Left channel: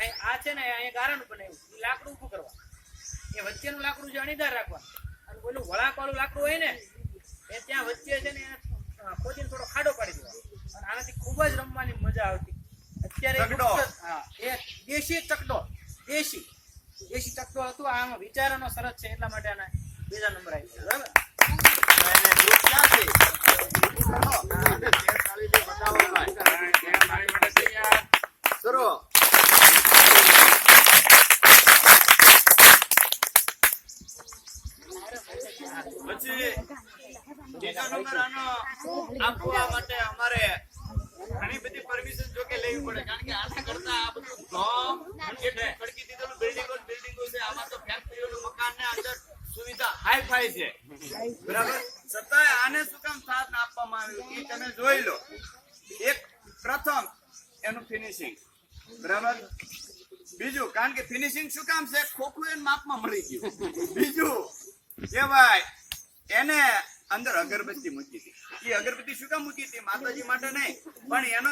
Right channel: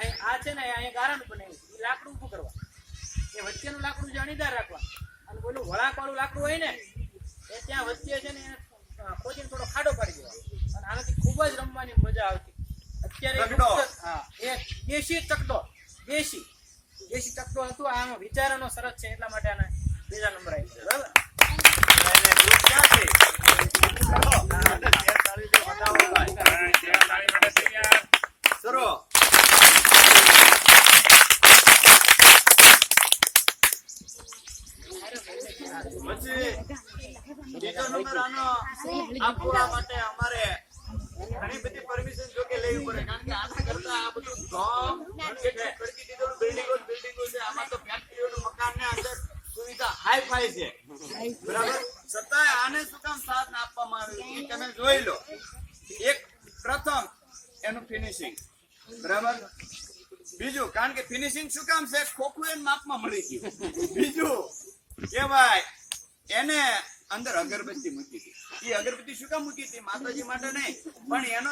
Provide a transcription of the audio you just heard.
આ છે ને અહીંયા ગારણ બનાવ્યું એ લાકડું ઊભું કરવા એ વચ્ચેનું લાકડું છે અણીદાર રાખવા અને પેલું વળાંકવાળું લાકડું હોય ને એ ત્યાં વચ્ચે છે ને ખોદીને થોડો ખાડો પાડી દેવાનો અને આનાથી ખૂબ જ રમવાની મજા આવતી અત્યારે હા એ દેશી ચકડોળ દેશી ચકડોળ હતું આમાં વિચારોનો સરસ છે એટલા માટે આના બીજા નંબર આવી છે બરાબર ઘણી બધી પરમિશન જો કે લેવી પડે કારણ કે આના કરતા આ બધું ગામ કડકી દીધેલું બિલ્ડિંગો છે આમાં તો ફેક્ટરીઓનું મકાન ને અંદર સુવિધા હાઈ ફાઈ છે બરાબર છતાંય આને શું કામ સાથ આપવામાં આવ્યું એ તમે જોઈ લો એક પ્રથમ એનું ફિનિશિંગ બરાબર બીજું કારણ કે ફિનિશિંગ શું કામ છે ખોખું એને માપમાં મળી ગયું બીજું કે ભાઈ એને અંદર અગરબત્તી મૂકી હતી એ અગરબત્તી શું કામ મૂકી હતી માતાજી માટે નહીં પણ એનો